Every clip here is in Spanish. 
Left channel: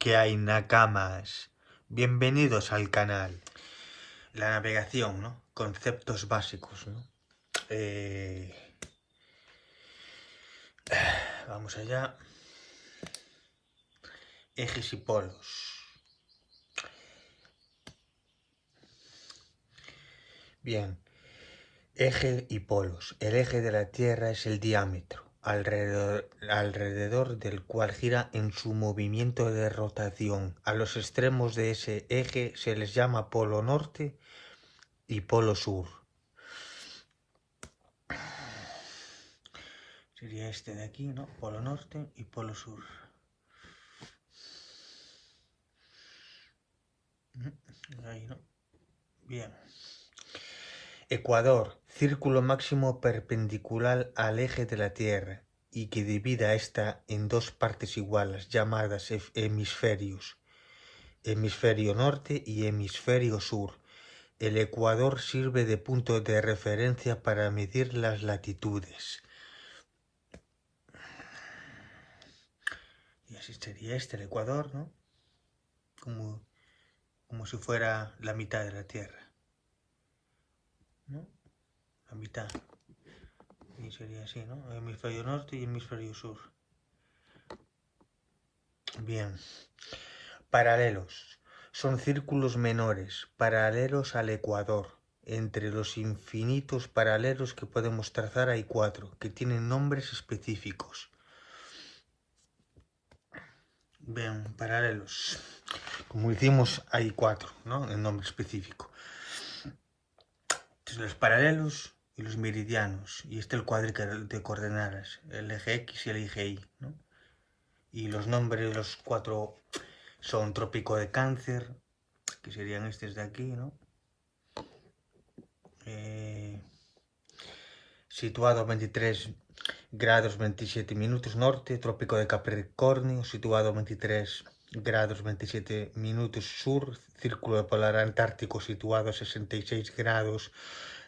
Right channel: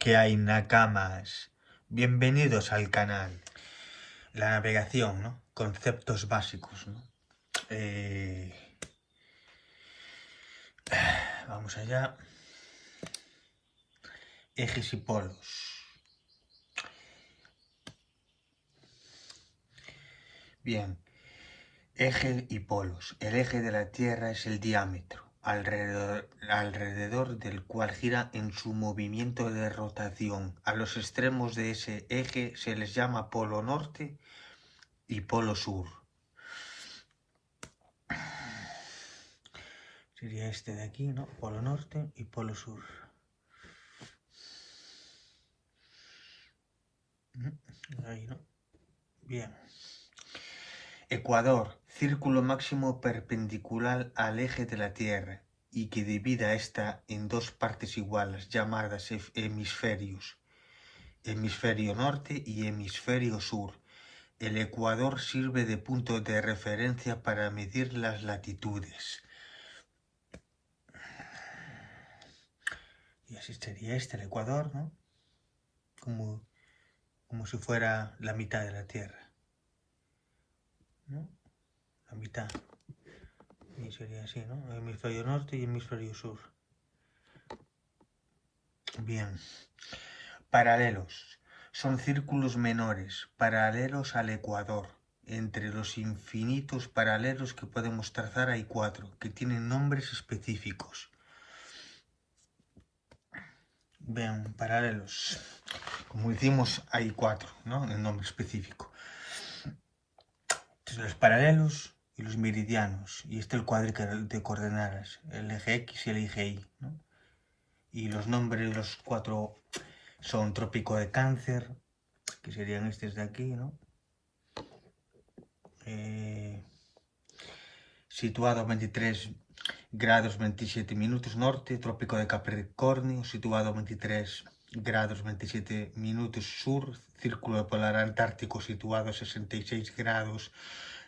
¿Qué hay, nakamas? Bienvenidos al canal. La navegación, ¿no? Conceptos básicos, ¿no? Vamos allá. Ejes y polos. Bien. Eje y polos. El eje de la Tierra es el diámetro, alrededor del cual gira en su movimiento de rotación. A los extremos de ese eje se les llama polo norte y polo sur. Sería este de aquí, ¿no? Polo norte y polo sur. Ahí, ¿no? Bien. Ecuador, círculo máximo perpendicular al eje de la Tierra y que divida esta en dos partes iguales, llamadas hemisferios, hemisferio norte y hemisferio sur. El ecuador sirve de punto de referencia para medir las latitudes. Y así sería este, el ecuador, ¿no? Como si fuera la mitad de la Tierra, ¿no? La mitad. Y sería así, ¿no? Hemisferio norte y hemisferio sur. Bien. Paralelos. Son círculos menores, paralelos al ecuador. Entre los infinitos paralelos que podemos trazar hay 4, que tienen nombres específicos. Bien, paralelos. Como hicimos, hay 4, ¿no? En nombre específico. Entonces, los paralelos y los meridianos. Y el cuadro de coordenadas, el eje X y el eje Y, ¿no? Y los nombres de los 4 son trópico de Cáncer, que serían estos de aquí, ¿no? Situado 23 grados 27 minutos norte, trópico de Capricornio, situado 23 grados 27 minutos sur, círculo polar antártico situado 66 grados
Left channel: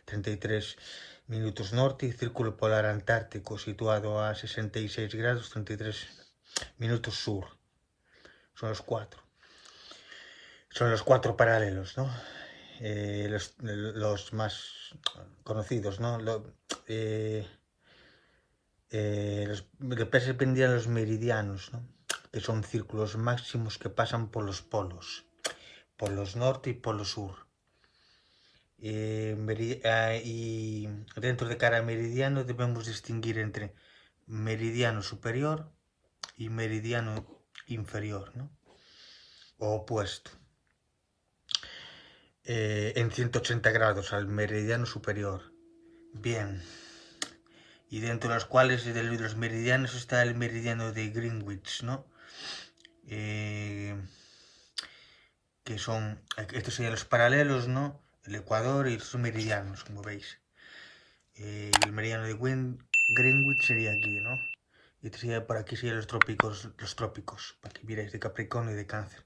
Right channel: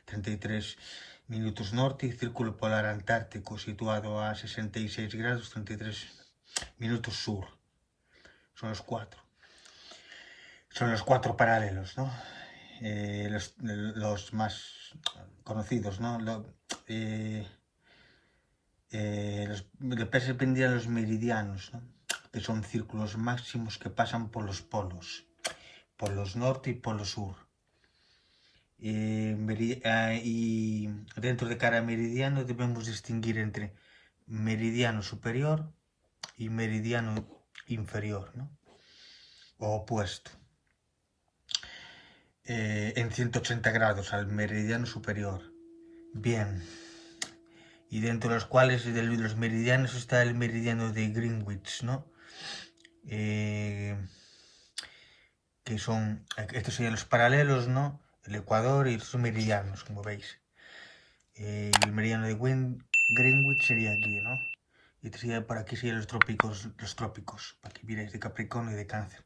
33 minutos norte y círculo polar antártico situado a 66 grados 33 minutos sur. Son los 4. Son los 4 paralelos, ¿no? Los más conocidos, ¿no? Después vendrían los meridianos, ¿no? Que son círculos máximos que pasan por los polos norte y polo sur. Y dentro de cada meridiano debemos distinguir entre meridiano superior y meridiano inferior, ¿no? O opuesto. En 180 grados al meridiano superior. Bien. Y dentro de los cuales de los meridianos está el meridiano de Greenwich, ¿no? Que son, estos serían los paralelos, ¿no? El ecuador y los meridianos, como veis. El meridiano de Greenwich sería aquí, ¿no? Y este sería, por aquí serían los trópicos, para que miréis, de Capricornio y de Cáncer.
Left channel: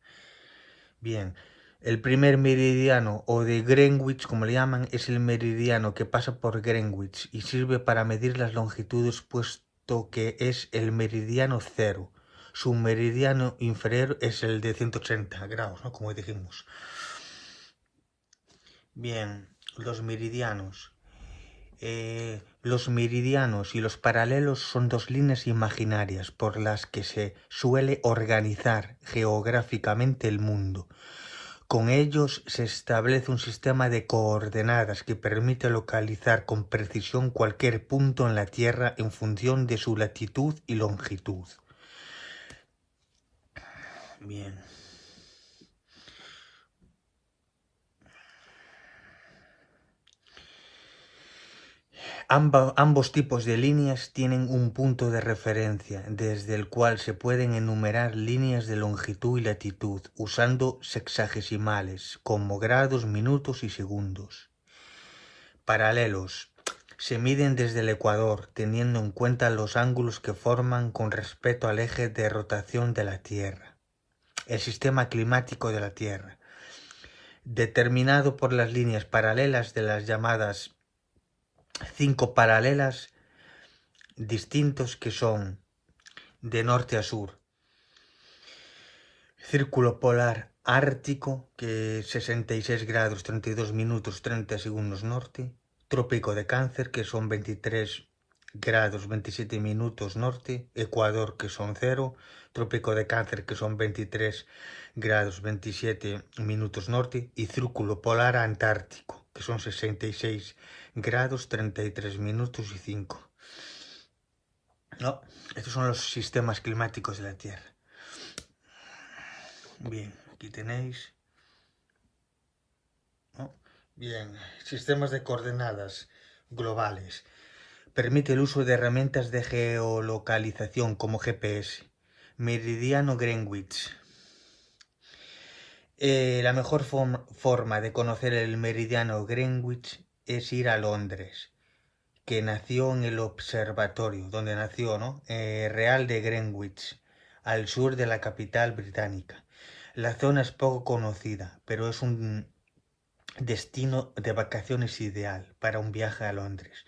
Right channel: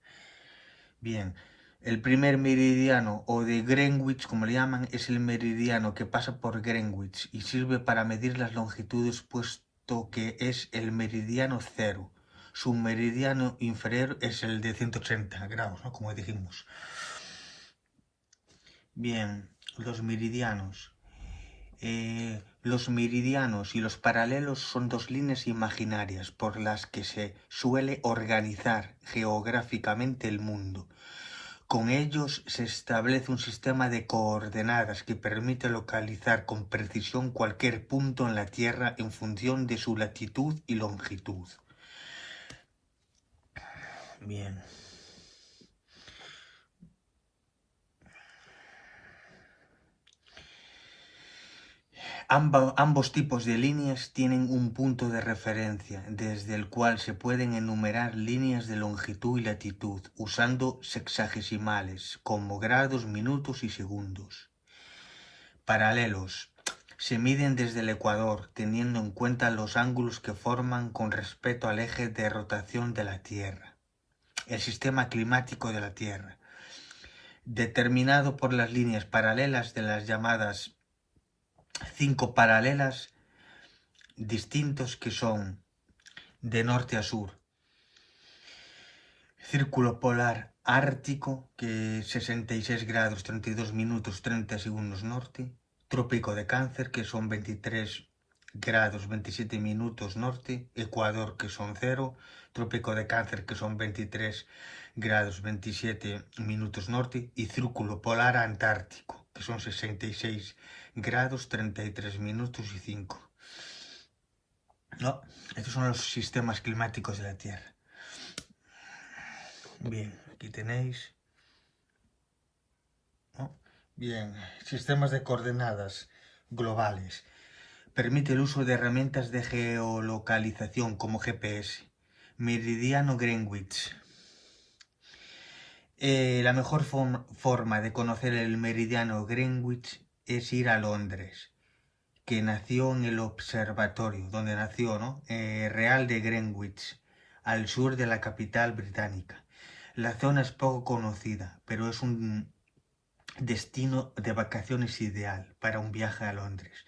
Bien. El primer meridiano, o de Greenwich, como le llaman, es el meridiano que pasa por Greenwich y sirve para medir las longitudes, puesto que es el meridiano cero. Su meridiano inferior es el de 180 grados, ¿no? Como dijimos. Bien, los meridianos. Los meridianos y los paralelos son dos líneas imaginarias por las que se suele organizar geográficamente el mundo. Con ellos se establece un sistema de coordenadas que permite localizar con precisión cualquier punto en la Tierra en función de su latitud y longitud. Bien. Ambos tipos de líneas tienen un punto de referencia desde el cual se pueden enumerar líneas de longitud y latitud usando sexagesimales como grados, minutos y segundos. Paralelos. Se miden desde el ecuador teniendo en cuenta los ángulos que forman con respecto al eje de rotación de la Tierra, el sistema climático de la Tierra, determinado por las líneas paralelas de las llamadas 5 paralelas distintos que son de norte a sur. Círculo polar ártico, que es 66 grados 32 minutos 30 segundos norte. Trópico de Cáncer, que son 23 grados 27 minutos norte. Ecuador, que son 0. Trópico de Cáncer, que son 23 grados 27 minutos norte. Y Círculo polar antártico, que son 66 grados 33 minutos y 5. No, estos son los sistemas climáticos de la Tierra. Bien, aquí tenéis. ¿No? Bien, sistemas de coordenadas globales. Permite el uso de herramientas de geolocalización como GPS. Meridiano Greenwich. La mejor forma de conocer el meridiano Greenwich es ir a Londres, que nació en el observatorio, donde nació, ¿no? Real de Greenwich, al sur de la capital británica. La zona es poco conocida, pero es un destino de vacaciones ideal para un viaje a Londres.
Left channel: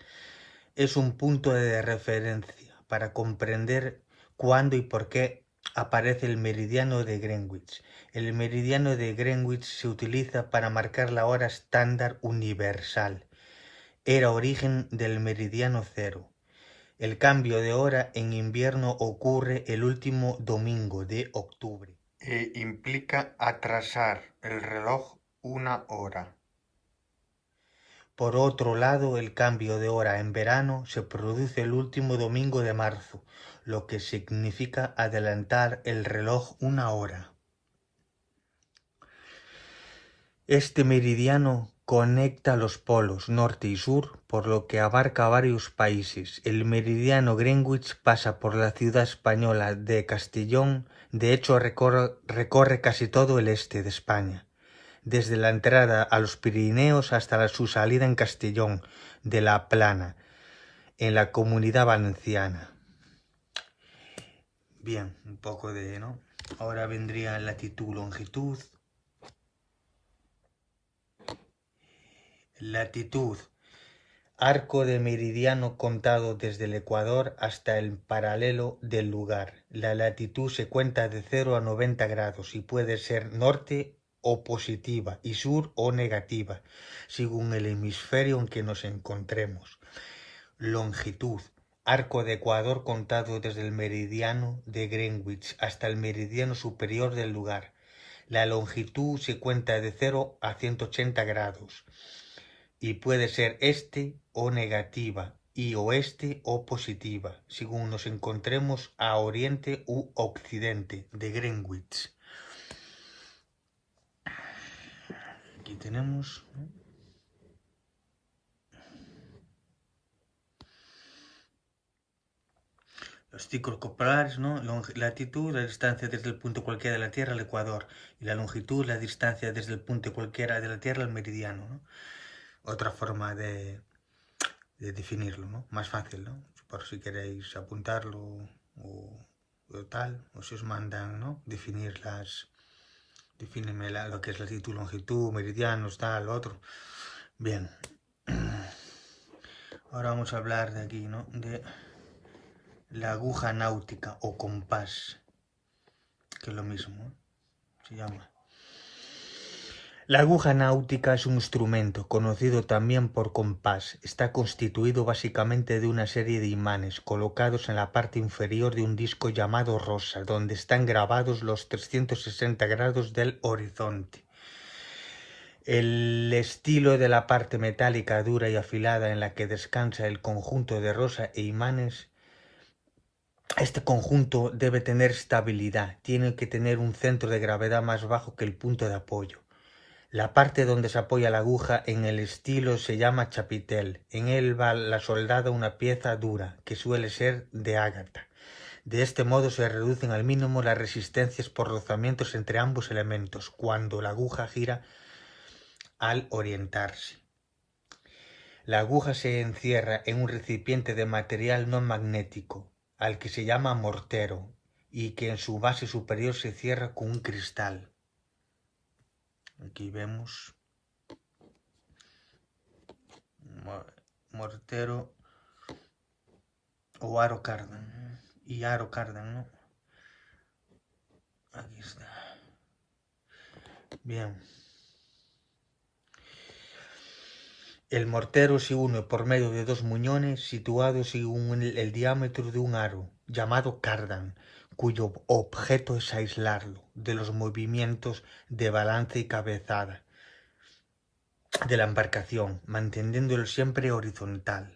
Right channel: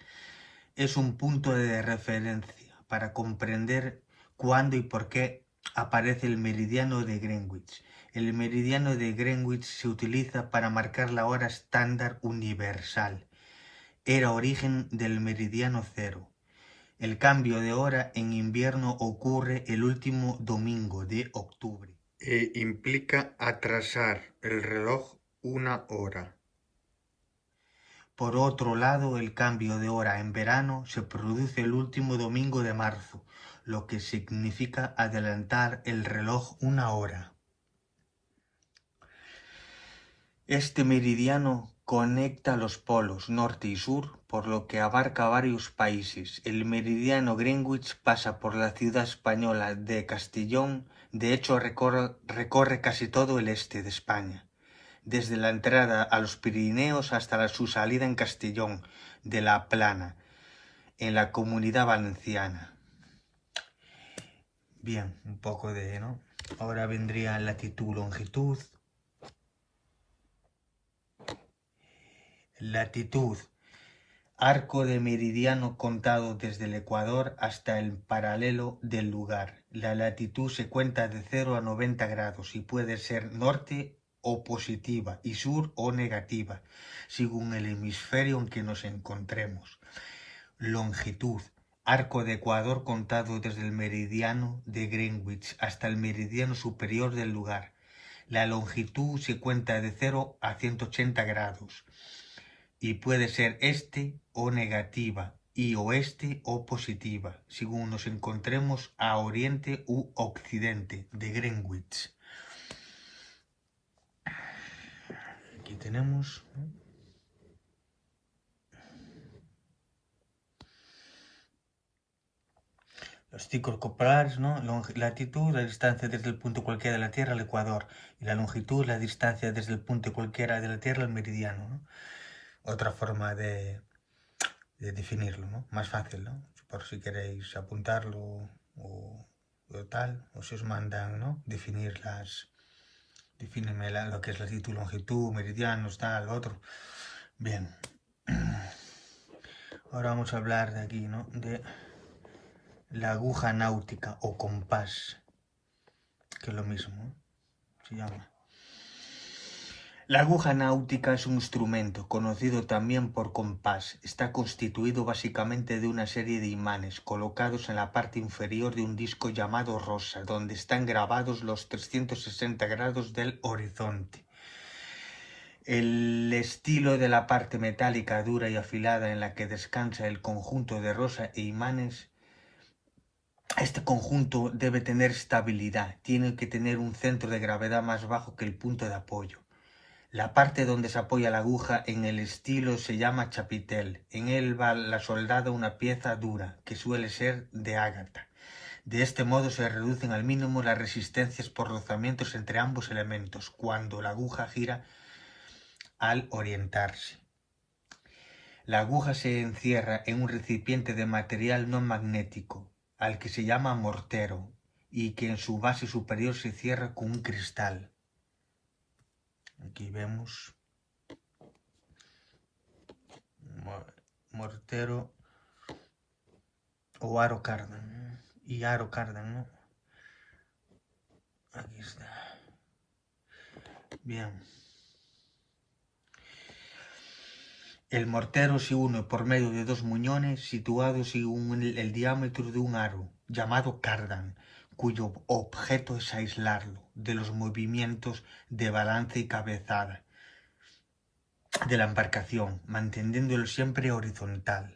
Es un punto de referencia para comprender cuándo y por qué aparece el meridiano de Greenwich. El meridiano de Greenwich se utiliza para marcar la hora estándar universal. Era origen del meridiano cero. El cambio de hora en invierno ocurre el último domingo de octubre e implica atrasar el reloj una hora. Por otro lado, el cambio de hora en verano se produce el último domingo de marzo, lo que significa adelantar el reloj una hora. Este meridiano conecta los polos norte y sur, por lo que abarca varios países. El meridiano Greenwich pasa por la ciudad española de Castellón, de hecho recorre casi todo el este de España, desde la entrada a los Pirineos hasta su salida en Castellón de la Plana, en la Comunidad Valenciana. Bien, un poco de, ¿no? Ahora vendría latitud, longitud. Latitud. Arco de meridiano contado desde el ecuador hasta el paralelo del lugar. La latitud se cuenta de 0 a 90 grados y puede ser norte o positiva y sur o negativa, según el hemisferio en que nos encontremos. Longitud. Arco de ecuador contado desde el meridiano de Greenwich hasta el meridiano superior del lugar. La longitud se cuenta de 0 a 180 grados y puede ser este o negativa y oeste o positiva, según nos encontremos a oriente u occidente de Greenwich. Aquí tenemos, ¿no? Los ciclos polares, ¿no? Latitud, la distancia desde el punto cualquiera de la Tierra al Ecuador. Y la longitud, la distancia desde el punto cualquiera de la Tierra al meridiano, ¿no? Otra forma de definirlo, ¿no? Más fácil, ¿no? Por si queréis apuntarlo o tal, o si os mandan, ¿no? Defíneme lo que es latitud, longitud, meridianos, tal, lo otro. Bien. Ahora vamos a hablar de aquí, ¿no? De la aguja náutica o compás, que es lo mismo, ¿no? Se llama. La aguja náutica es un instrumento, conocido también por compás. Está constituido básicamente de una serie de imanes colocados en la parte inferior de un disco llamado rosa, donde están grabados los 360 grados del horizonte. El estilo de la parte metálica dura y afilada en la que descansa el conjunto de rosa e imanes. Este conjunto debe tener estabilidad, tiene que tener un centro de gravedad más bajo que el punto de apoyo. La parte donde se apoya la aguja en el estilo se llama chapitel. En él va la soldada una pieza dura, que suele ser de ágata. De este modo se reducen al mínimo las resistencias por rozamientos entre ambos elementos, cuando la aguja gira al orientarse. La aguja se encierra en un recipiente de material no magnético, al que se llama mortero, y que en su base superior se cierra con un cristal. Aquí vemos mortero o aro cardan y aro cardan, ¿no? Aquí está. Bien. El mortero se une por medio de dos muñones situados según el diámetro de un aro, llamado cardan, cuyo objeto es aislarlo de los movimientos de balance y cabezada de la embarcación, manteniéndolo siempre horizontal.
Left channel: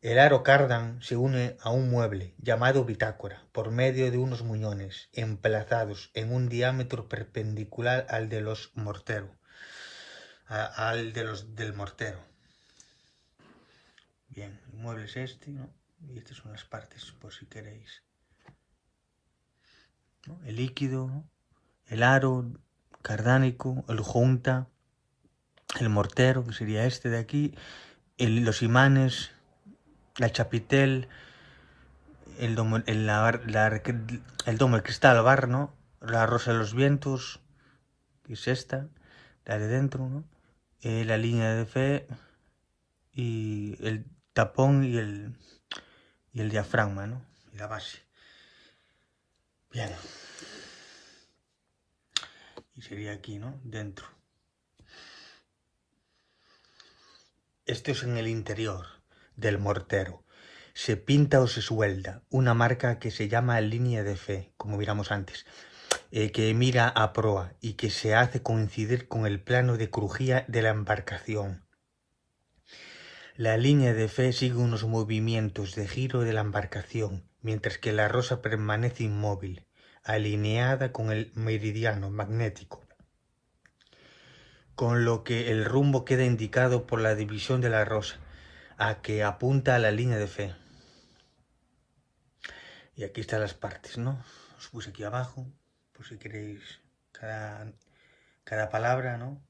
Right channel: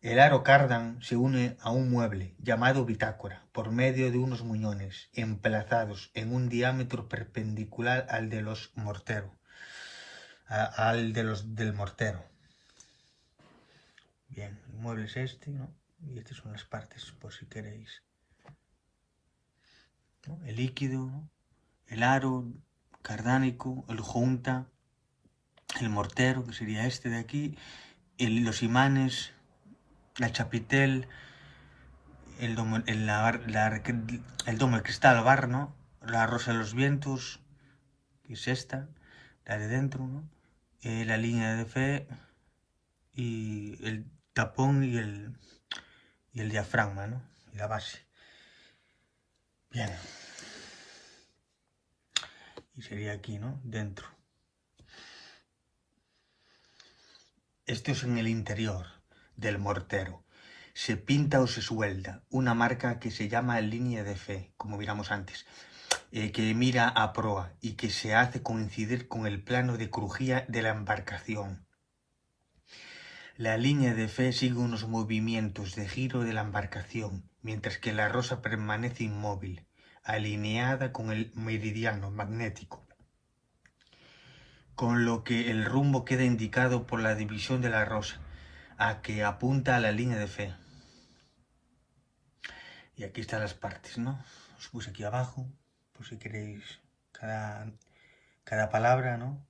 El aro cardan se une a un mueble, llamado bitácora, por medio de unos muñones, emplazados en un diámetro perpendicular al de los mortero. Del mortero. Bien, el mueble es este, ¿no? Y estas son las partes, por si queréis, ¿no? El líquido, ¿no? El aro cardánico, el junta, el mortero, que sería este de aquí, los imanes, la chapitel, el domo, el cristal, bar, ¿no? La rosa de los vientos, que es esta, la de dentro, ¿no? La línea de fe y el tapón y el diafragma, ¿no? Y la base. Bien. Y sería aquí, ¿no? Dentro. Esto es en el interior del mortero. Se pinta o se suelda una marca que se llama línea de fe, como miramos antes, que mira a proa y que se hace coincidir con el plano de crujía de la embarcación. La línea de fe sigue unos movimientos de giro de la embarcación, mientras que la rosa permanece inmóvil, alineada con el meridiano magnético, con lo que el rumbo queda indicado por la división de la rosa, a que apunta a la línea de fe. Y aquí están las partes, ¿no? Os puse aquí abajo, por si queréis cada palabra, ¿no?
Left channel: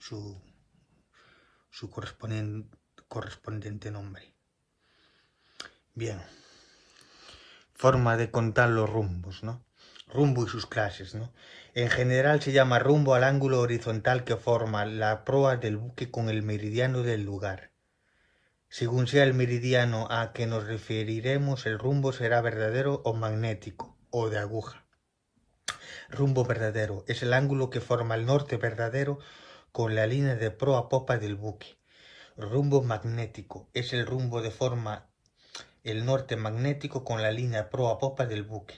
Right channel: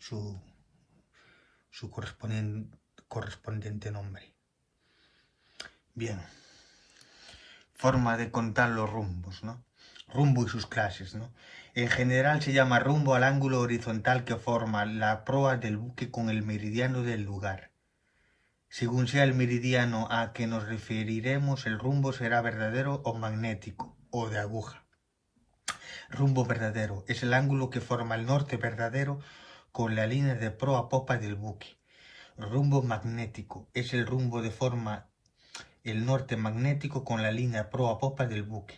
Su correspondiente nombre. Bien. Forma de contar los rumbos, ¿no? Rumbo y sus clases, ¿no? En general se llama rumbo al ángulo horizontal que forma la proa del buque con el meridiano del lugar. Según sea el meridiano a que nos referiremos, el rumbo será verdadero o magnético, o de aguja. Rumbo verdadero es el ángulo que forma el norte verdadero con la línea de proa a popa del buque. Rumbo magnético es el rumbo de forma el norte magnético con la línea proa a popa del buque.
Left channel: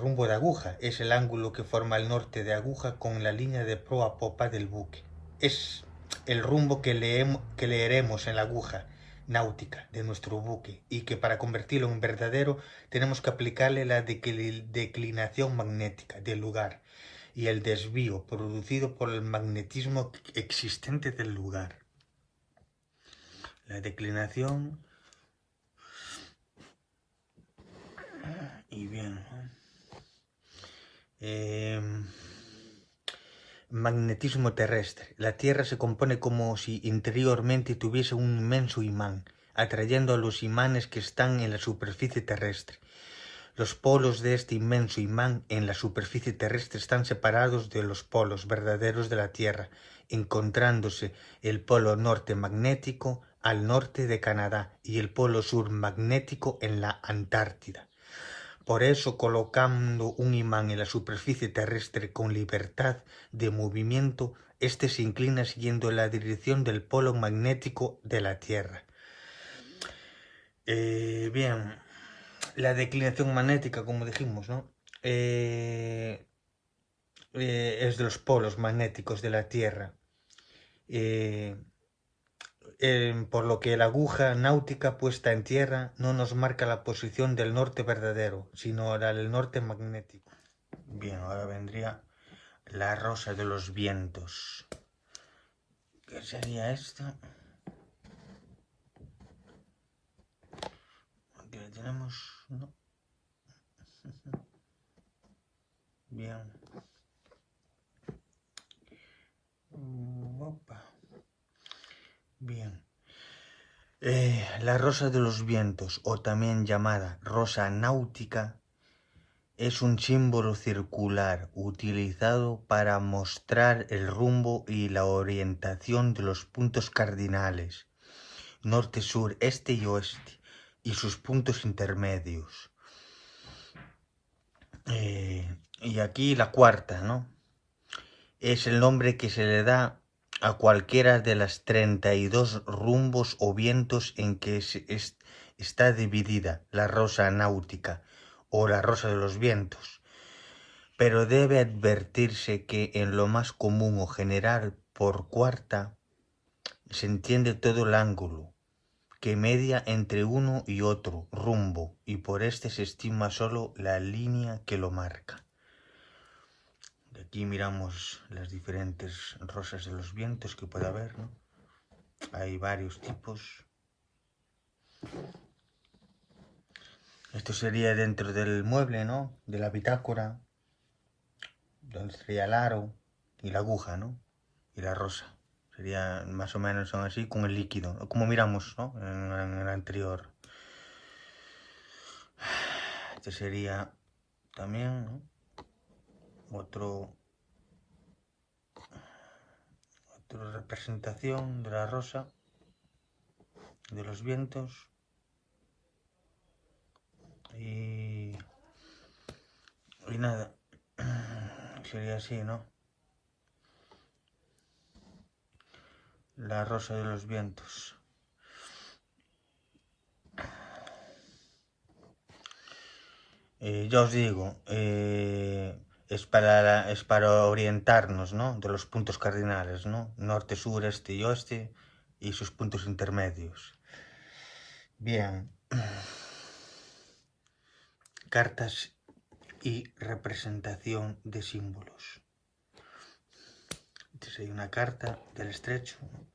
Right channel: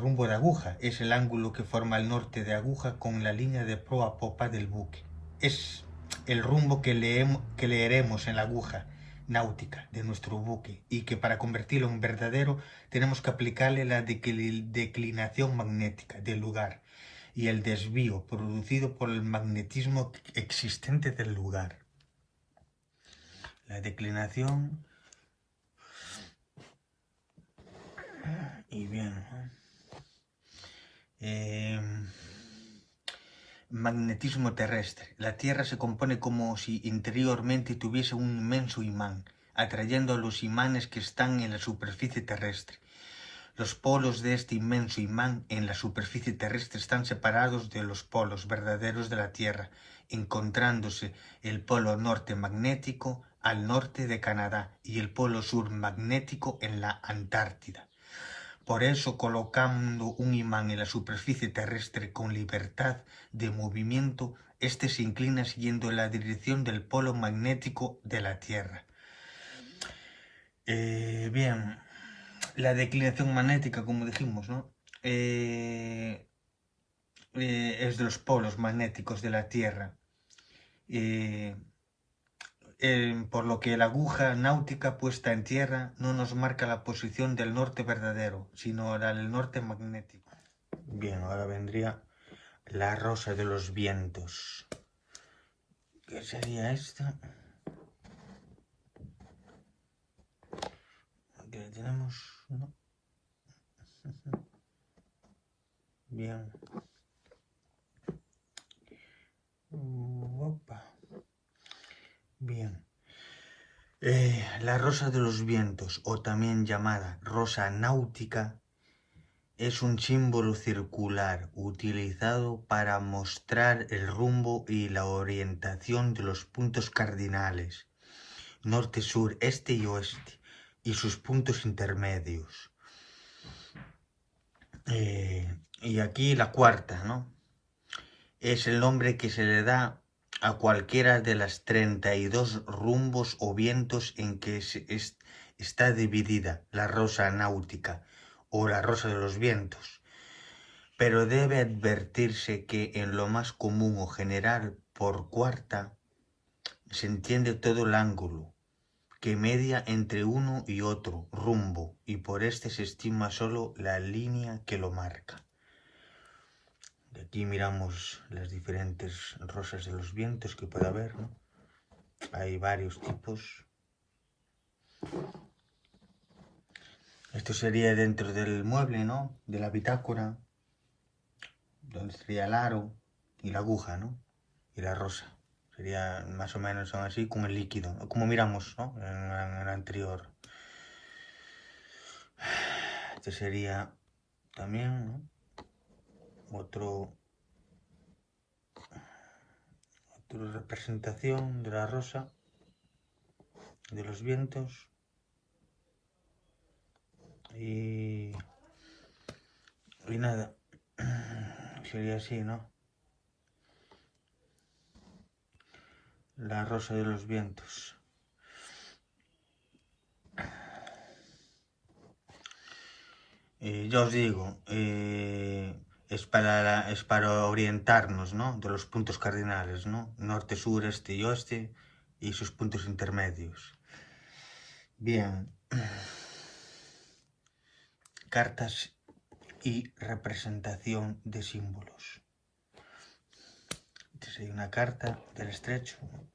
Rumbo de aguja es el ángulo que forma el norte de aguja con la línea de proa a popa del buque. Es el rumbo que leeremos en la aguja náutica de nuestro buque y que para convertirlo en verdadero tenemos que aplicarle la declinación magnética del lugar y el desvío producido por el magnetismo existente del lugar. La declinación y bien, magnetismo terrestre. La Tierra se compone como si interiormente tuviese un inmenso imán, atrayendo a los imanes que están en la superficie terrestre. Los polos de este inmenso imán en la superficie terrestre están separados de los polos verdaderos de la Tierra, encontrándose el polo norte magnético al norte de Canadá y el polo sur magnético en la Antártida. Por eso, colocando un imán en la superficie terrestre con libertad de movimiento, éste se inclina siguiendo la dirección del polo magnético de la Tierra. Bien, la declinación magnética, como dijimos, ¿no? Es de los polos magnéticos de la Tierra. Por lo que la aguja náutica puesta en tierra no nos marca la posición del norte verdadero, sino la del norte magnético. Bien, ahora vendría la rosa de los vientos. ¿Qué sería esto? Aquí la tenemos, ¿no? Bien. Opa. Bien. La rosa de los vientos, o también llamada rosa náutica, es un símbolo circular utilizado para mostrar el rumbo y la orientación de los puntos cardinales, norte, sur, este y oeste, y sus puntos intermedios. Y Y aquí la cuarta, ¿no? Es el nombre que se le da a cualquiera de las 32 rumbos o vientos en que está dividida la rosa náutica o la rosa de los vientos. Pero debe advertirse que en lo más común o general por cuarta se entiende todo el ángulo que media entre uno y otro rumbo, y por este se estima solo la línea que lo marca. De aquí miramos las diferentes rosas de los vientos que puede haber, ¿no? Hay varios tipos. Esto sería dentro del mueble, ¿no? De la bitácora, donde estaría el aro y la aguja, ¿no? Y la rosa. Sería más o menos así con el líquido, como miramos, ¿no? En el anterior. Este sería también, ¿no? Otra representación de la rosa de los vientos. Y nada, sería así, ¿no? La rosa de los vientos. Ya os digo, es para orientarnos, ¿no? De los puntos cardinales, ¿no? Norte, sur, este y oeste y sus puntos intermedios. Bien. Cartas y representación de símbolos. Entonces hay una carta del estrecho, ¿no?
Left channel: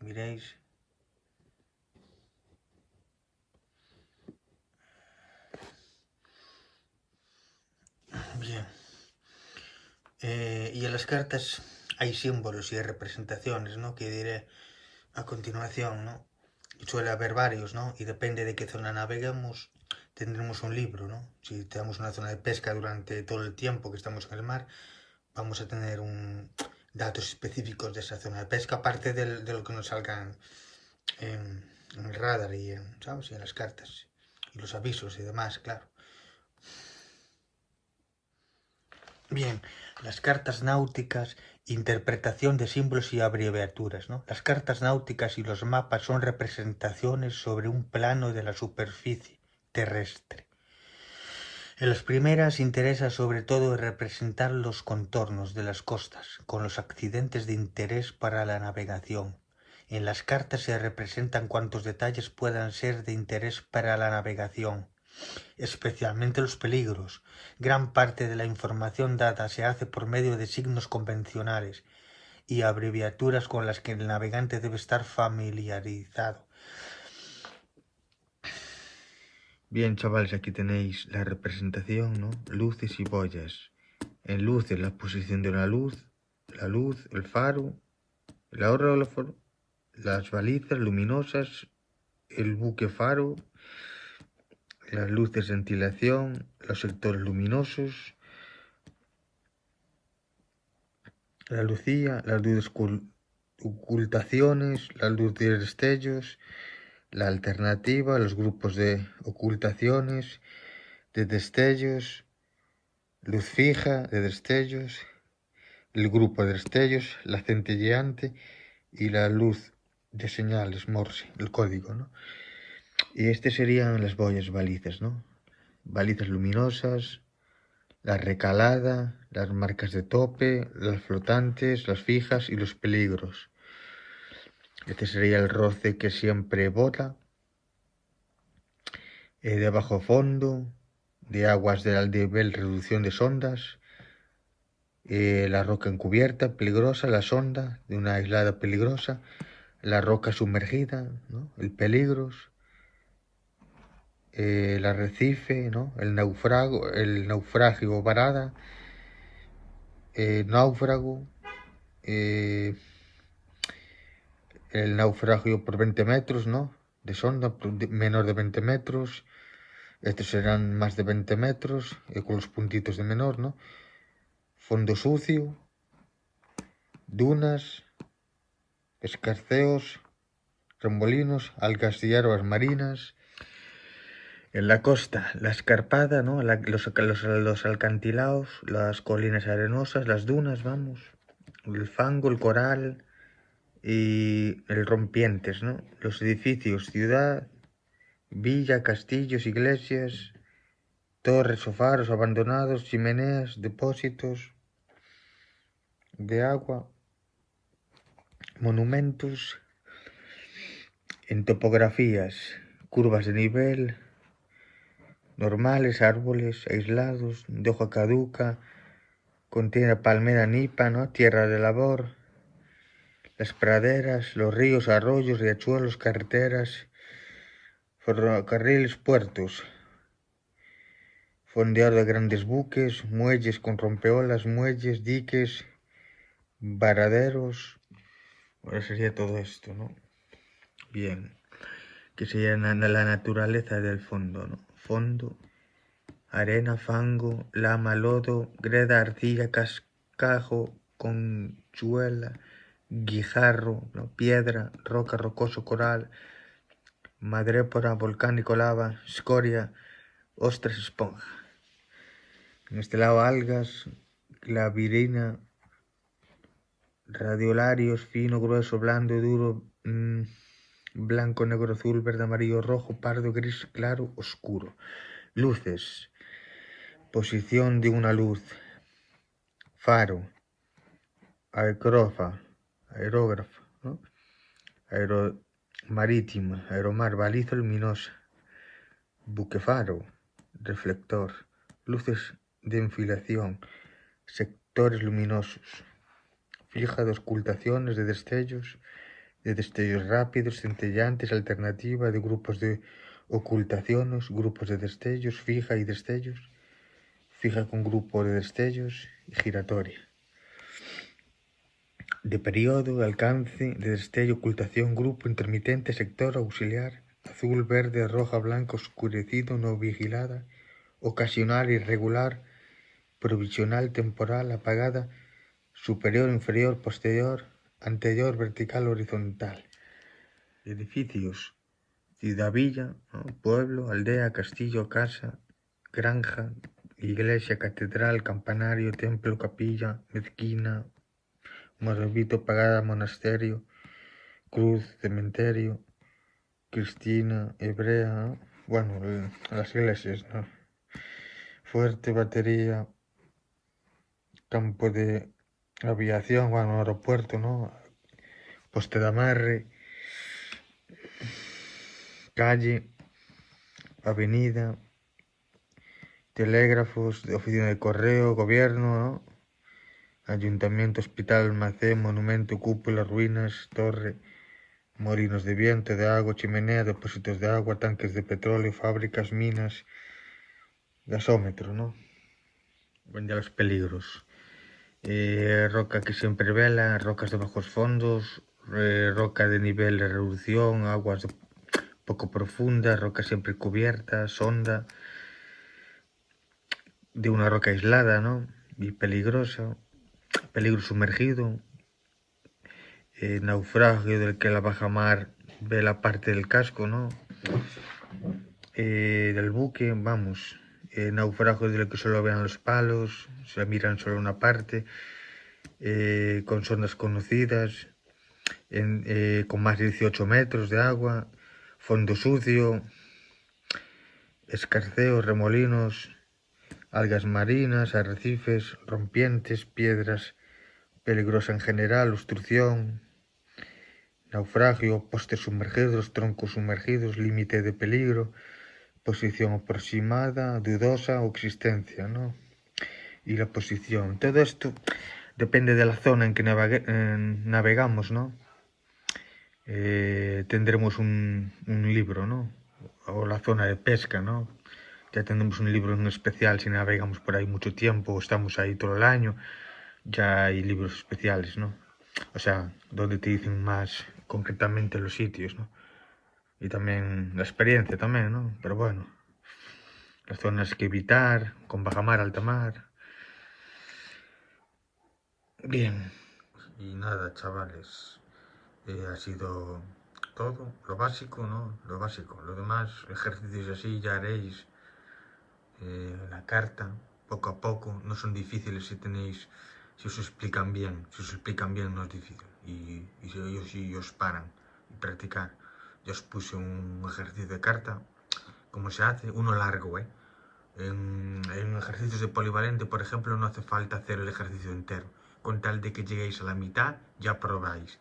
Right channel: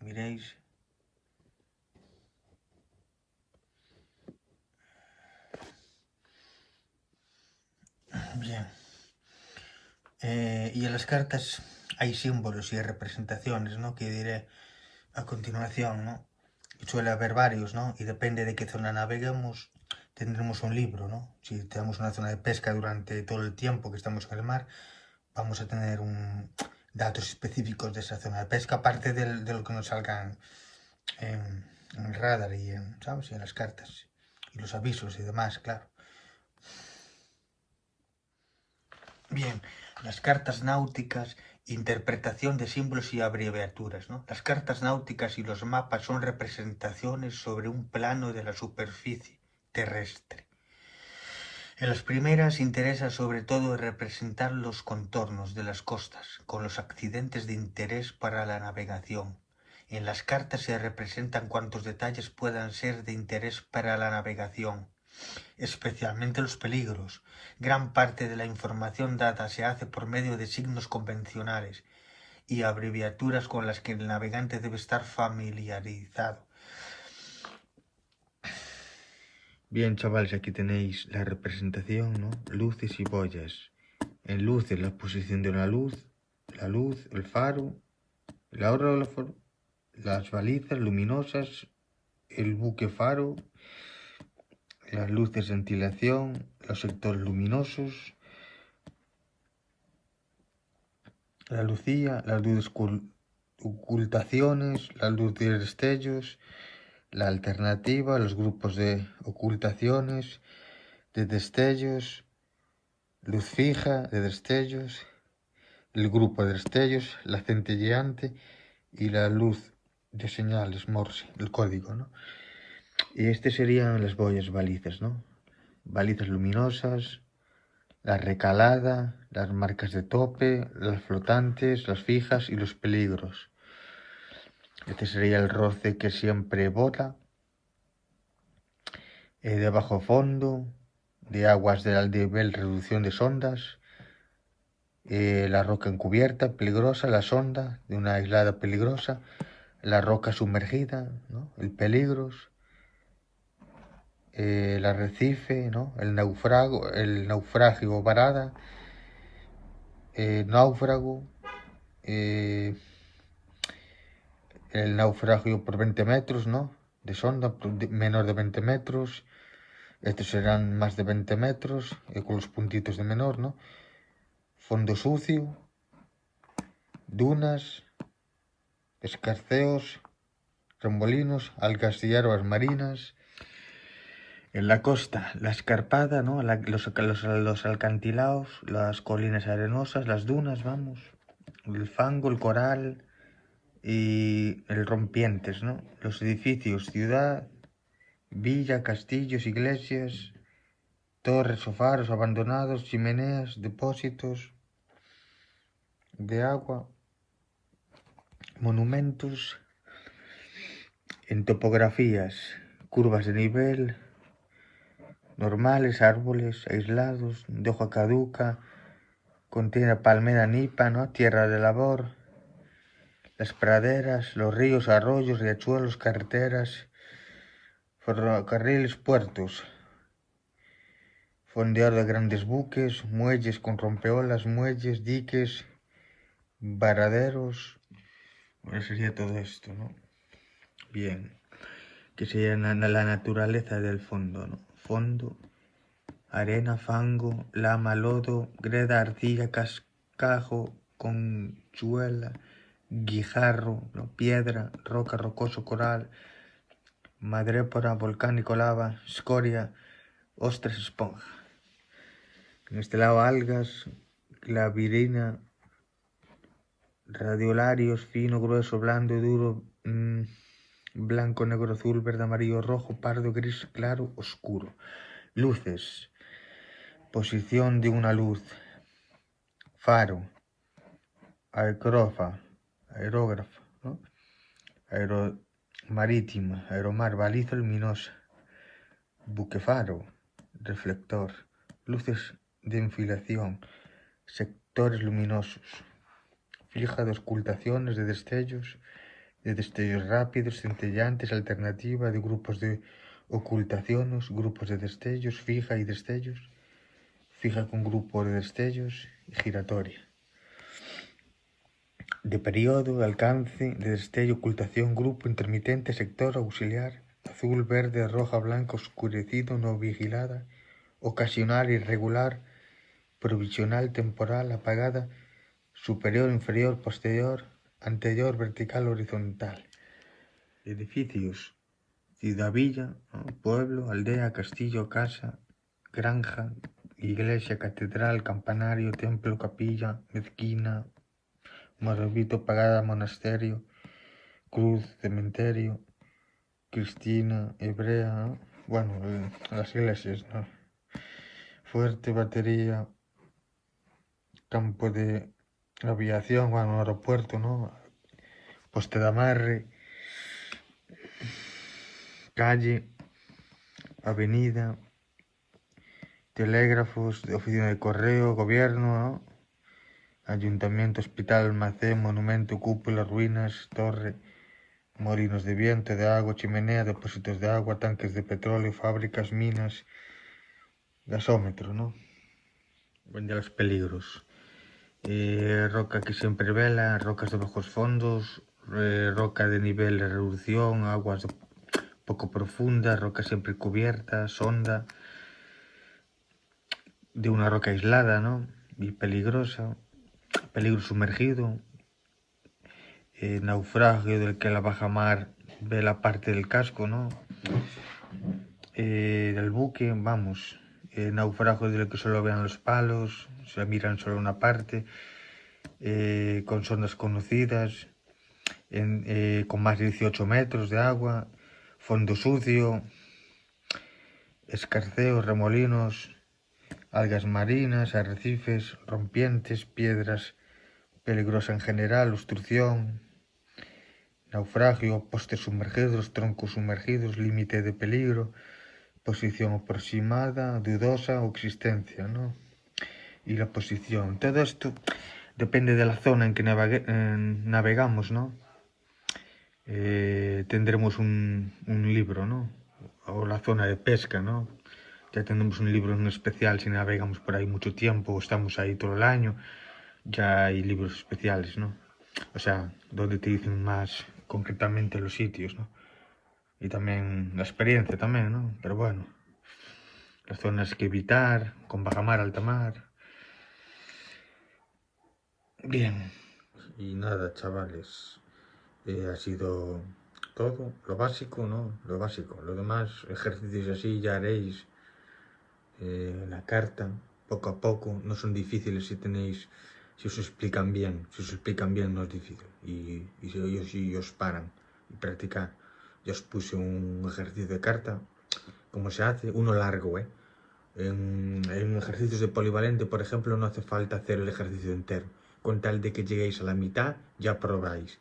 Y miréis. Bien. Y en las cartas hay símbolos y representaciones, ¿no? Que diré a continuación, ¿no? Y suele haber varios, ¿no? Y depende de qué zona naveguemos, tendremos un libro, ¿no? Si tenemos una zona de pesca durante todo el tiempo que estamos en el mar, vamos a tener datos específicos de esa zona de pesca, aparte de lo que nos salgan en el radar y ¿sabes? Y en las cartas. Y los avisos y demás, claro. Bien, las cartas náuticas, interpretación de símbolos y abreviaturas, ¿no? Las cartas náuticas y los mapas son representaciones sobre un plano de la superficie terrestre. En las primeras interesa sobre todo representar los contornos de las costas, con los accidentes de interés para la navegación. En las cartas se representan cuantos detalles puedan ser de interés para la navegación, especialmente los peligros. Gran parte de la información dada se hace por medio de signos convencionales y abreviaturas con las que el navegante debe estar familiarizado. Bien, chavales, aquí tenéis la representación, ¿no? Luces y boyas. En luces, la posición de la luz, el faro, la hora del faro, las balizas luminosas, el buque faro, las luces de ventilación, los sectores luminosos, la lucía, las luces ocultaciones, la luz de destellos, la alternativa, los grupos de ocultaciones, de destellos, luz fija, de destellos, el grupo de destellos, la centelleante y la luz de señales Morse, el código, ¿no? Y serían las boyas balizas, ¿no? Balizas luminosas, la recalada, las marcas de tope, las flotantes, las fijas y los peligros. Este sería el roce que siempre bota, de bajo fondo, de aguas de nivel, reducción de sondas, la roca encubierta, peligrosa, la sonda de una aislada peligrosa, la roca sumergida, ¿no? El peligros, el arrecife, ¿no? El naufragio varada, náufrago, el naufragio por 20 metros, ¿no? De sonda, menor de 20 metros, estos serán más de 20 metros, con los puntitos de menor, ¿no? Fondo sucio, dunas, escarceos, remolinos, algas y hierbas marinas, En la costa, la escarpada, ¿no? Los alcantilados, las colinas arenosas, las dunas, vamos, el fango, el coral y el rompientes, ¿no? Los edificios, ciudad, villa, castillos, iglesias, torres o faros abandonados, chimeneas, depósitos de agua, monumentos, en topografías, curvas de nivel, normales, árboles aislados, de hoja caduca, contiene palmera nipa, ¿no? Tierra de labor, las praderas, los ríos, arroyos, riachuelos, carreteras, ferrocarriles, puertos, fondeado de grandes buques, muelles con rompeolas, muelles, diques, varaderos. Ahora sería todo esto, ¿no? Bien, que sería la naturaleza del fondo, ¿no? Fondo, arena, fango, lama, lodo, greda, arcilla, cascajo, conchuela, guijarro, ¿no? Piedra, roca, rocoso, coral, madrépora, volcánico, lava, escoria, ostras, esponja. En este lado algas, clavirina, radiolarios, fino, grueso, blando, duro, blanco, negro, azul, verde, amarillo, rojo, pardo, gris, claro, oscuro. Luces, posición de una luz, faro, aerógrafo, ¿no? Marítima, aeromar, baliza luminosa, buquefaro, reflector, luces de enfilación, sectores luminosos, fija de ocultaciones, de destellos rápidos, centellantes, alternativa, de grupos de ocultaciones, grupos de destellos, fija y destellos, fija con grupo de destellos y giratoria. De periodo, alcance, de destello, ocultación, grupo, intermitente, sector, auxiliar, azul, verde, roja, blanca, oscurecido, no vigilada, ocasional, irregular, provisional, temporal, apagada, superior, inferior, posterior, anterior, vertical, horizontal. Edificios, ciudad, villa, ¿no? Pueblo, aldea, castillo, casa, granja, iglesia, catedral, campanario, templo, capilla, mezquina, morabito, pagada, monasterio, cruz, cementerio, cristiana, hebrea, ¿no? Bueno, las iglesias, ¿no? Fuerte, batería, campo de aviación, bueno, aeropuerto, ¿no? Poste de amarre, calle, avenida, telégrafos, oficina de correo, gobierno, ¿no? Ayuntamiento, hospital, almacén, monumento, cúpula, ruinas, torre, molinos de viento, de agua, chimenea, depósitos de agua, tanques de petróleo, fábricas, minas, gasómetro, ¿no? Ya los peligros. Roca que siempre vela, rocas de bajos fondos, roca de nivel de reducción, aguas poco profundas, roca siempre cubierta, sonda, de una roca aislada, ¿no? Y peligrosa, peligro sumergido, naufragio del que la bajamar ve la parte del casco, ¿no? Del buque, vamos, naufragio del que solo vean los palos, se miran solo una parte, con sondas conocidas, con más de 18 metros de agua, fondo sucio, escarceos, remolinos, algas marinas, arrecifes, rompientes, piedras peligrosa en general, obstrucción, naufragio, postes sumergidos, troncos sumergidos, límite de peligro, posición aproximada, dudosa o existencia, ¿no? Y la posición. Todo esto depende de la zona en que navegamos, ¿no? Tendremos un libro, ¿no? O la zona de pesca, ¿no? Ya tendremos un libro en especial si navegamos por ahí mucho tiempo o estamos ahí todo el año. Ya hay libros especiales, ¿no? O sea, donde te dicen más concretamente los sitios, ¿no? Y también la experiencia también, ¿no? Pero bueno, las zonas que evitar, con bajamar, alta mar. Bien. Y nada, chavales, ha sido todo, lo básico, ¿no? Lo básico. Lo demás, ejercicios así ya haréis. La carta, poco a poco, no son difíciles si tenéis, si os explican bien. Si os explican bien no es difícil. Y si os paran y practicar. Yo os puse un ejercicio de carta, como se hace, uno largo, ¿eh? En ejercicios de polivalente, por ejemplo, no hace falta hacer el ejercicio entero. Con tal de que lleguéis a la mitad, ya probáis.